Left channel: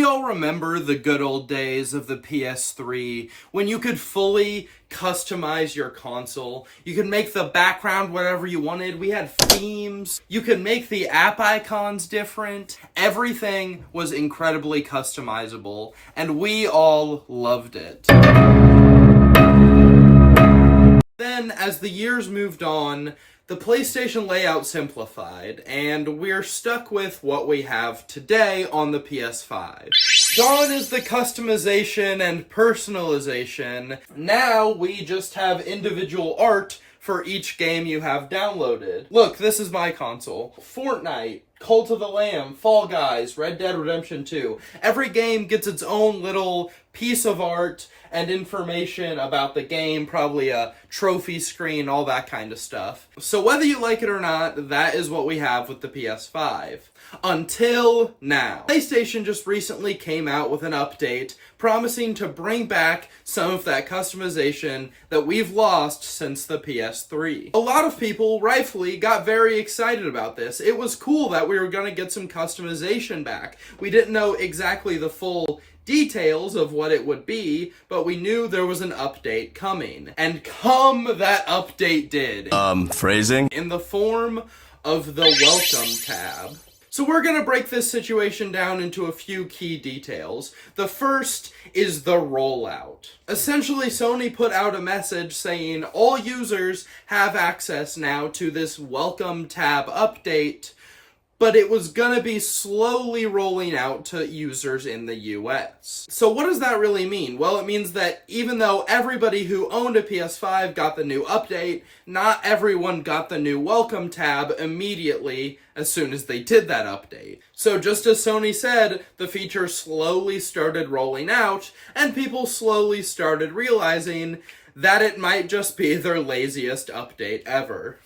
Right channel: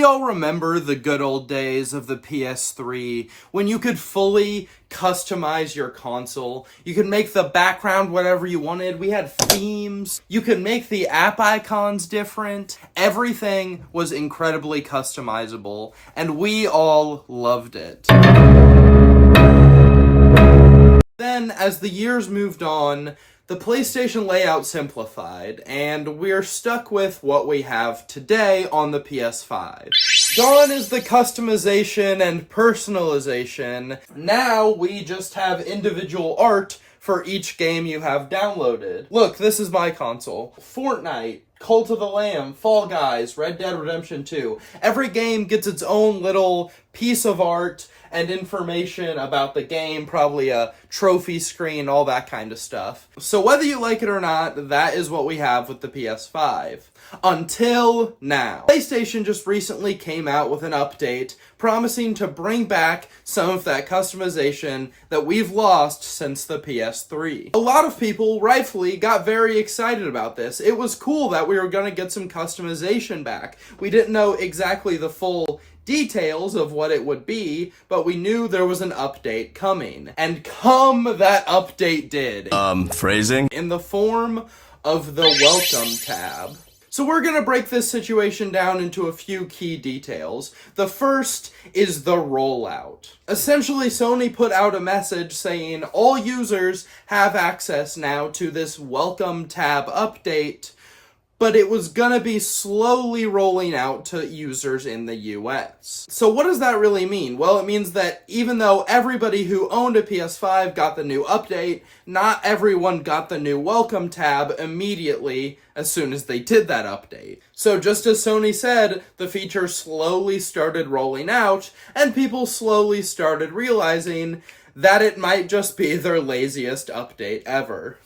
we all remember the good old days of the PS3 when you could fully customize your console. You could make the background whatever you wanted. We had themes. You could make the app icons different. Everything was incredibly customizable, and we all loved it. Then, as the years moved on, the PlayStation layout simplified, and we're stuck with what we have today on the PS5. Gone is the customization and personalization. Now we just have individual art for each game you have downloaded. Look, this is my console. Fortnite, Cult of the Lamb, Fall Guys, Red Dead Redemption 2. Every game gets its own little piece of art and information about the game, probably a trophy screen, all that kind of stuff. So whether you like it or not, that is what we have with the PS5. Until now. PlayStation just recently came out with an update promising to bring back some of that customization that we've lost since the PS3. A lot of people, rightfully, got very excited about this. It was cool that we were going to get some customization back. We didn't know exactly the full details of what it would be, but we knew there was an update coming. And come that update did. Phrasing? In the form of the Welcome tab. So we're going to break this situation down into a few key details. The first is the rollout. Essentially, Sony put out a message saying all users have access now to this Welcome tab update, but it was going to be slowly rolling out to users in the US. So what does that really mean? Well, it means that even though everybody who owned a PS5 got the new update, not everyone got the new Welcome tab immediately as soon as they did that update. So just as Sony said, the feature slowly started rolling out, and people slowly started realizing that it might just be their laziest update ever.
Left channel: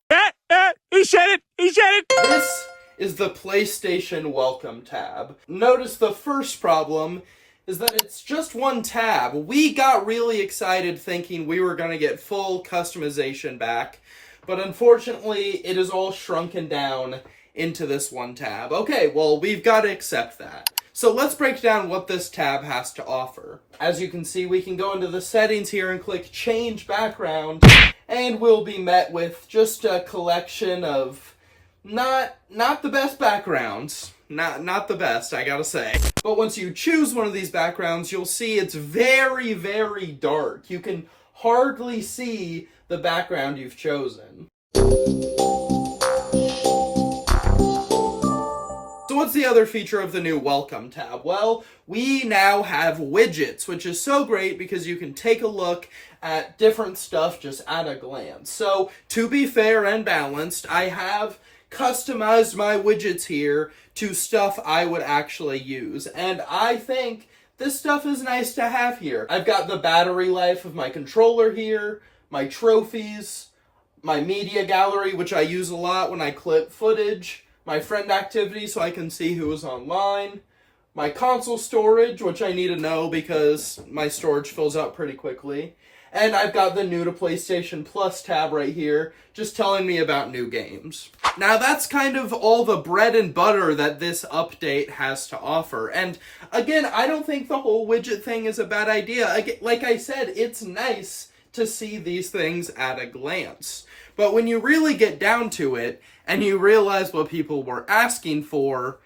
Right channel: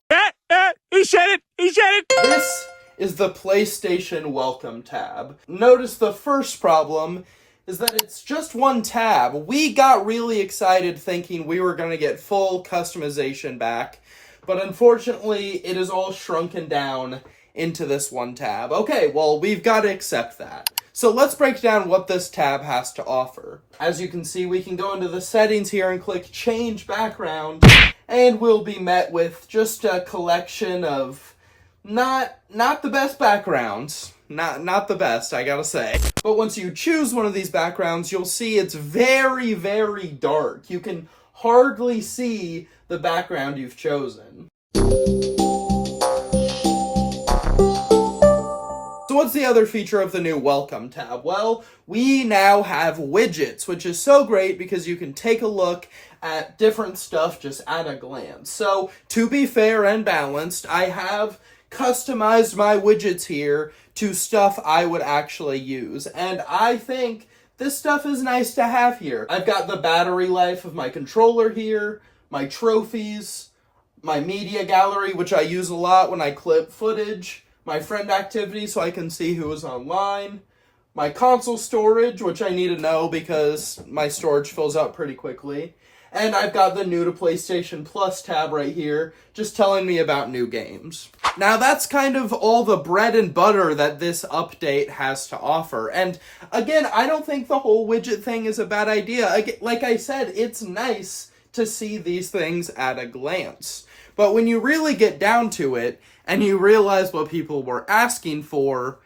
He said it! He said it! This is the PlayStation Welcome tab. Notice the first problem is that it's just one tab. We got really excited thinking we were going to get full customization back, but unfortunately it is all shrunken down into this one tab. Okay, well, we've got to accept that. So let's break down what this tab has to offer. As you can see, we can go into the settings here and click Change Background, and we'll be met with just a collection of not the best backgrounds. Not the best, I gotta say. But once you choose one of these backgrounds, you'll see it's very, very dark. You can hardly see the background you've chosen. So what's the other feature of the new Welcome tab? Well, we now have widgets, which is so great because you can take a look at different stuff just at a glance. So, to be fair and balanced, I have customized my widgets here to stuff I would actually use. And I think this stuff is nice to have here. I've got the battery life of my controller here, my trophies, my media gallery, which I use a lot when I clip footage, my friend activity so I can see who is online, my console storage, which I need to know because my storage fills up pretty quickly, and I've got the new to PlayStation Plus tab right here, just telling me about new games. Now that's kind of all the bread and butter that this update has to offer, and again, I don't think the whole widget thing is a bad idea. Like I said, it's nice to see these things at a glance. But when you really get down to it, and you realize what people were asking for,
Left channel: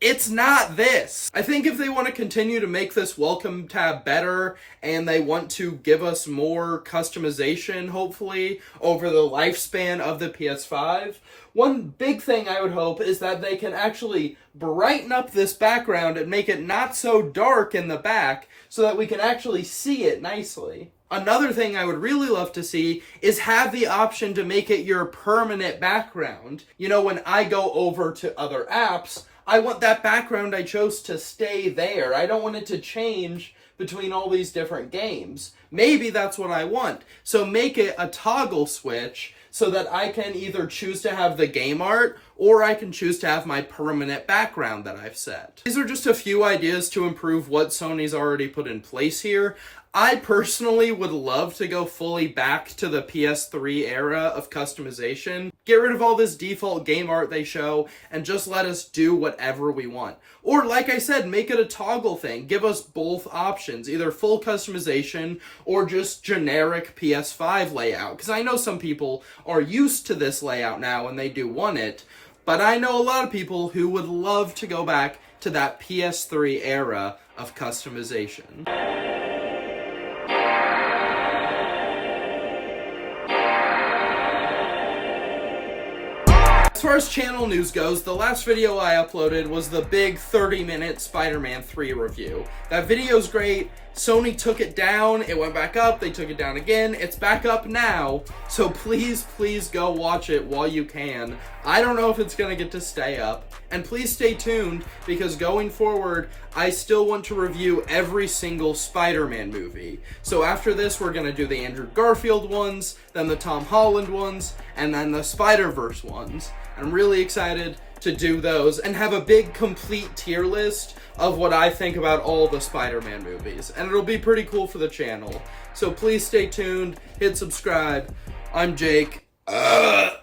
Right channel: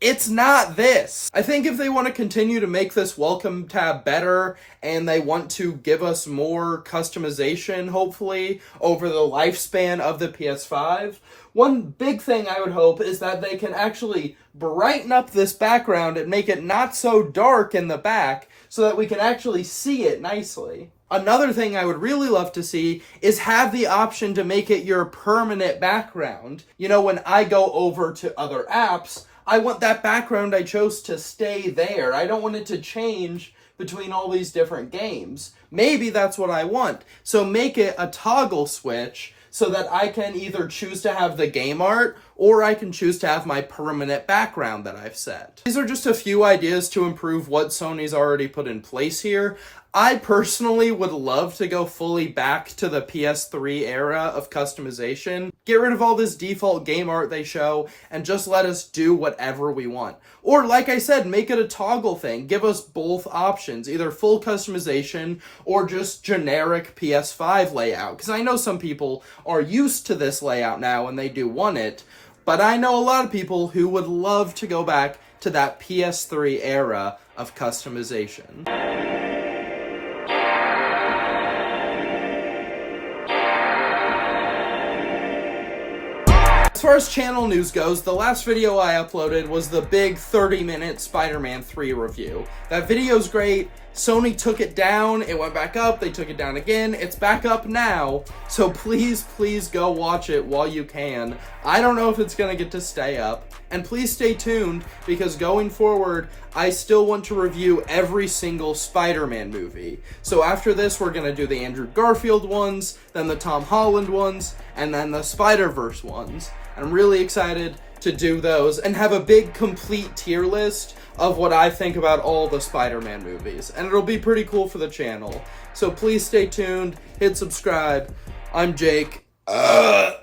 it's not this. I think if they want to continue to make this Welcome tab better, and they want to give us more customization, hopefully, over the lifespan of the PS5, one big thing I would hope is that they can actually brighten up this background and make it not so dark in the back, so that we can actually see it nicely. Another thing I would really love to see is have the option to make it your permanent background. You know, when I go over to other apps, I want that background I chose to stay there. I don't want it to change between all these different games. Maybe that's what I want. So make it a toggle switch so that I can either choose to have the game art or I can choose to have my permanent background that I've set. These are just a few ideas to improve what Sony's already put in place here. I personally would love to go fully back to the PS3 era of customization. Get rid of all this default game art they show, and just let us do whatever we want. Or, like I said, make it a toggle thing. Give us both options, either full customization or just generic PS5 layout. Because I know some people are used to this layout now and they do want it, but I know a lot of people who would love to go back to that PS3 era of customization. As far as channel news goes, the last video I uploaded was the big 30-minute Spider-Man 3 review. That video's great. Sony took it down, it went back up, they took it down again, it's back up now, so please go watch it while you can. I don't know if it's gonna get to stay up, and please stay tuned, because going forward, I still want to review every single Spider-Man movie. So after this, we're gonna do the Andrew Garfield ones, then the Tom Holland ones, and then the Spider-Verse ones. I'm really excited to do those and have a big complete tier list of what I think about all the Spider-Man movies. And it'll be pretty cool for the channel. So please stay tuned, hit subscribe. I'm Jake. Bye!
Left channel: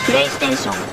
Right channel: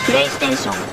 PlayStation